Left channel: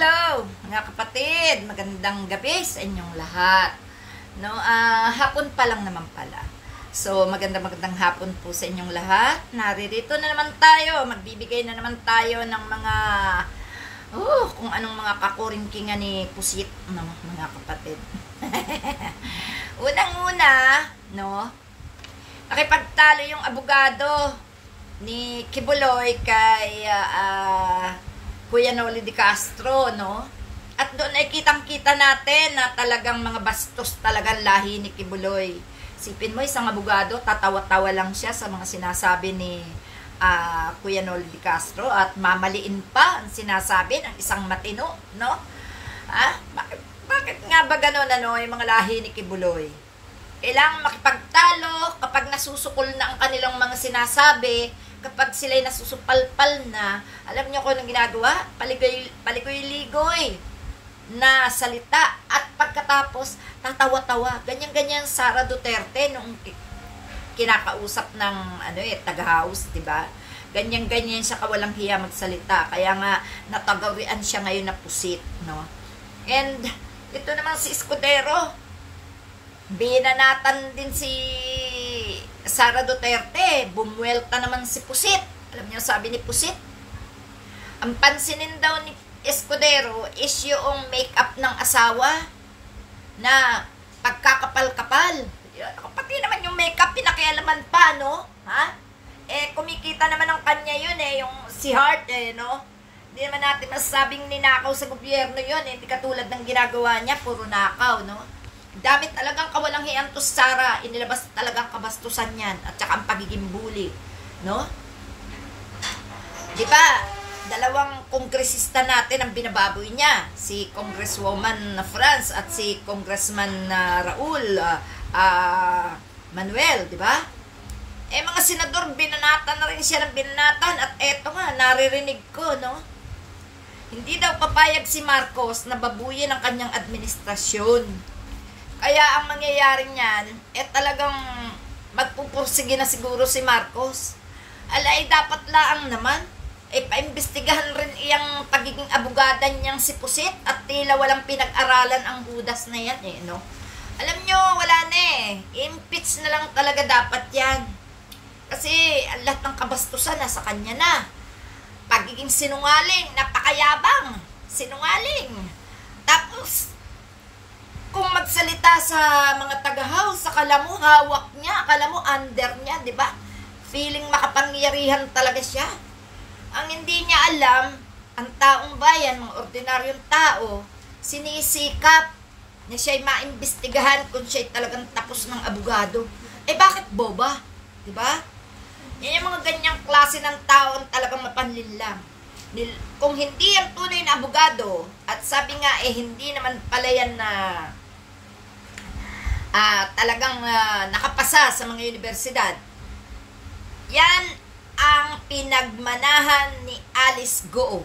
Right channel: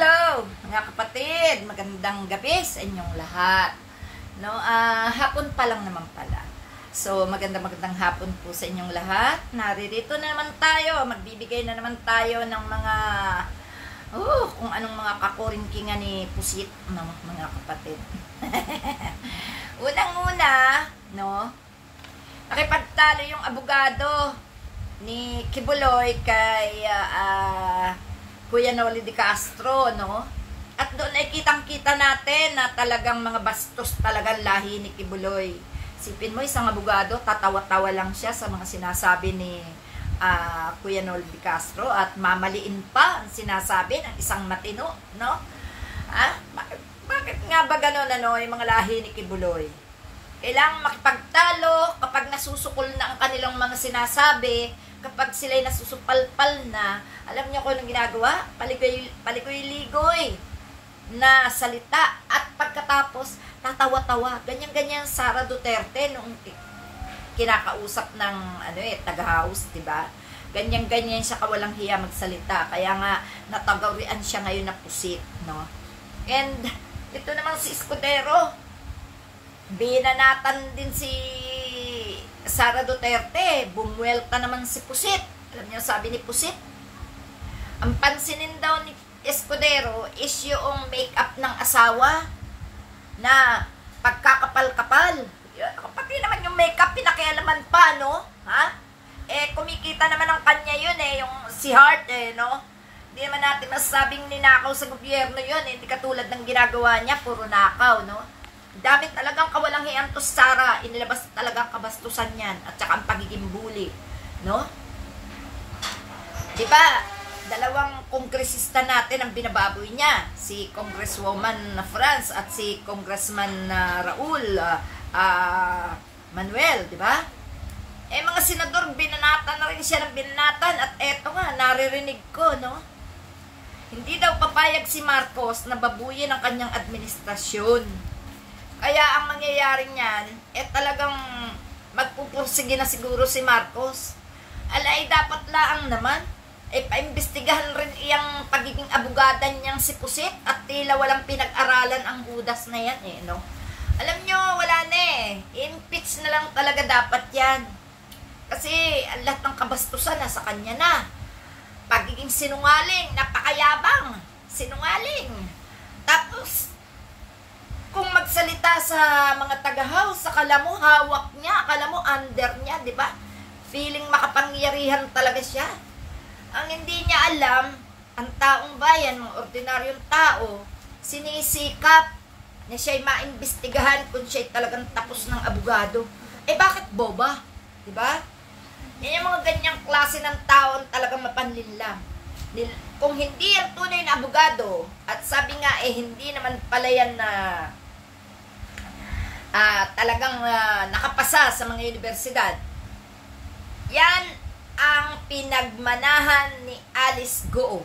Hello, mga kapatid. Magandang gabi sa inyong lahat. No, hapon pa lang naman pala. So, magandang hapon po sa inyong lahat. Naririto na naman tayo. Magbibigay na naman tayo ng mga kung anong mga kakuringkingan ni Pusit, no, mga kapatid. Unang-una, no, nakipagtalo yung abogado ni Kibuloy kay Kuya Noli de Castro, no? At doon ay kitang-kita natin na talagang mga bastos talagang lahi ni Kibuloy. Sipin mo, isang abogado, tatawa-tawa lang siya sa mga sinasabi ni Kuya Noli de Castro at mamaliin pa ang sinasabi ng isang matino, no? Bakit nga ba gano'n, ano, yung mga lahi ni Kibuloy? Kailangan makipagtalo kapag nasusukol na ang kanilang mga sinasabi, kapag sila'y nasusupalpal na. Alam niyo kung anong ginagawa? Paligoy-ligoy na salita at pagkatapos tatawa-tawa. Ganyan-ganyan Sara Duterte nung kinakausap ng taga-house, 'di ba? Ganyan-ganyan siya kawalang hiya magsalita. Kaya nga natagawrian siya ngayon na Pusit, no? And ito naman si Escudero, binanatan din si Sara Duterte, bumuelta naman si Pusit. Alam niyo sabi ni Pusit? Ang pansinin daw ni Escudero is yung make-up ng asawa na pagkakapal-kapal. Pati naman yung make-up, pinakialaman pa, no? Ha? Kumikita naman ng kanya yun, yung si Hart, no? Hindi naman natin masasabing ninakaw sa gobyerno yun, hindi katulad ng ginagawa niya, puro nakaw, no? Dami talagang kawalang hiyan to Sara, inilabas talagang kabastusan yan at saka ang pagiging bully, no? Diba, dalawang kongresista natin ang binababoy niya, si Congresswoman na France at si Congressman Raul Manuel, diba? Mga senador, binanatan na rin siya ng binanatan at eto nga, naririnig ko, no? Hindi daw papayag si Marcos na babuyin ang kanyang administrasyon. Kaya ang mangyayari niyan, talagang magpupursige na siguro si Marcos. Alay, dapat laang naman, paimbestigahan rin iyang pagiging abogada niyang si Pusit at tila walang pinag-aralan ang hudas na yan, no? Alam nyo, wala na impeach na lang talaga dapat yan. Kasi ang lahat ng kabastusan nasa kanya na. Pagiging sinungaling, napakayabang, sinungaling. Tapos, kung magsalita sa mga taga-house, akala mo hawak niya, akala mo under niya, di ba? Feeling makapangyarihan talaga siya. Ang hindi niya alam, ang taong bayan, mga ordinaryong tao, sinisikap na siya'y maimbestigahan kung siya'y talagang tapos ng abogado. Bakit boba? Di ba? Yan yung mga ganyang klase ng tao ang talagang mapanlinlang. Kung hindi ang tunay na abogado, at sabi nga, hindi naman pala yan na talagang nakapasa sa mga universidad. Yan ang pinagmanahan ni Alice Goo.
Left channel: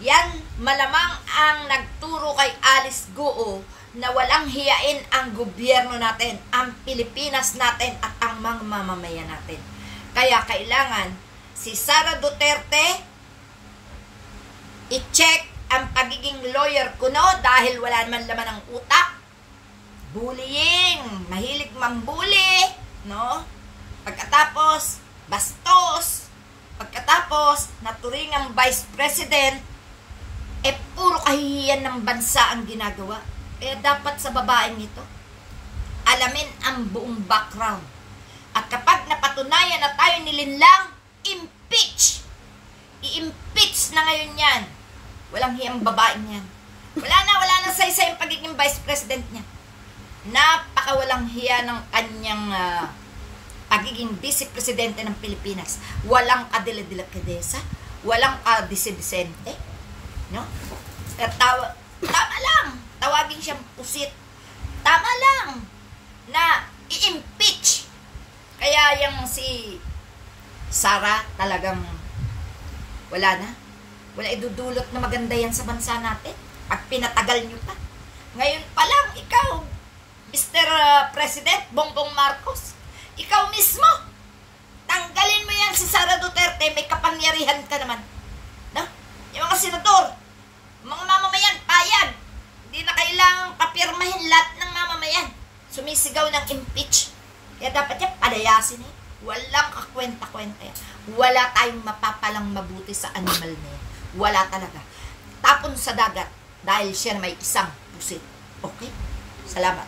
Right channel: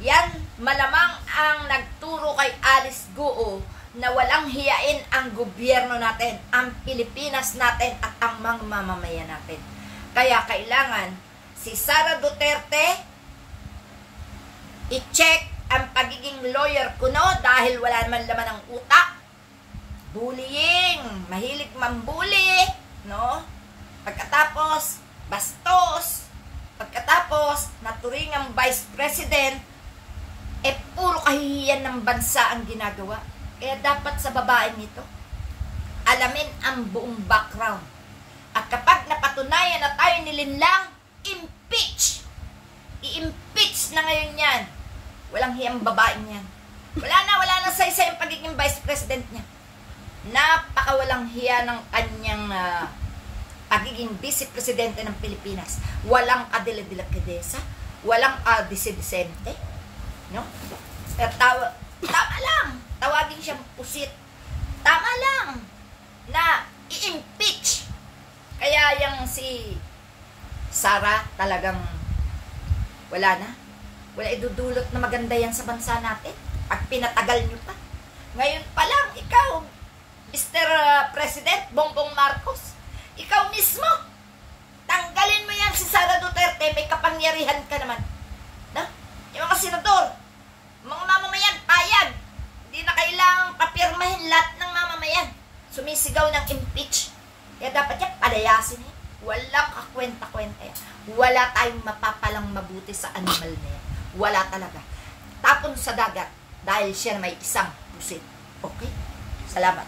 Yan malamang ang nagturo kay Alice Goo na walang hiyain ang gobyerno natin, ang Pilipinas natin at ang mga mamamayan natin. Kaya kailangan si Sara Duterte i-check ang pagiging lawyer kuno dahil wala naman laman ng utak. Bullying, mahilig mambuli, no? Pagkatapos, bastos. Pagkatapos, naturingang vice president, puro kahihiyan ng bansa ang ginagawa. Kaya dapat sa babaeng ito, alamin ang buong background. At kapag napatunayan na tayo nilinlang, impeach! I-impeach na ngayon yan. Walang hiyang babaeng yan. Wala na sa-isa yung pagiging vice president niya. Napakawalang hiya ng kanyang pagiging vice-presidente ng Pilipinas. Walang kadila-dila-kadesa, walang dise-disente, no? Tama lang, tawagin siyang Pusit. Tama lang na i-impeach. Kaya yung si Sara talagang wala na. Wala idudulot na maganda yan sa bansa natin. Pag pinatagal nyo pa. Ngayon pa lang, ikaw, Mr. President Bongbong Marcos, ikaw mismo, tanggalin mo yan si Sara Duterte, may kapangyarihan ka naman. No? Yung mga senador, mga mamamayan, sumisigaw ng impeach. Kaya dapat yan, palayasin eh. Walang kakwenta-kwenta yan. Wala tayong mapapalang mabuti sa animal na yan. Wala talaga. Tapon sa dagat dahil siya may isang pusit. Okay? Salamat.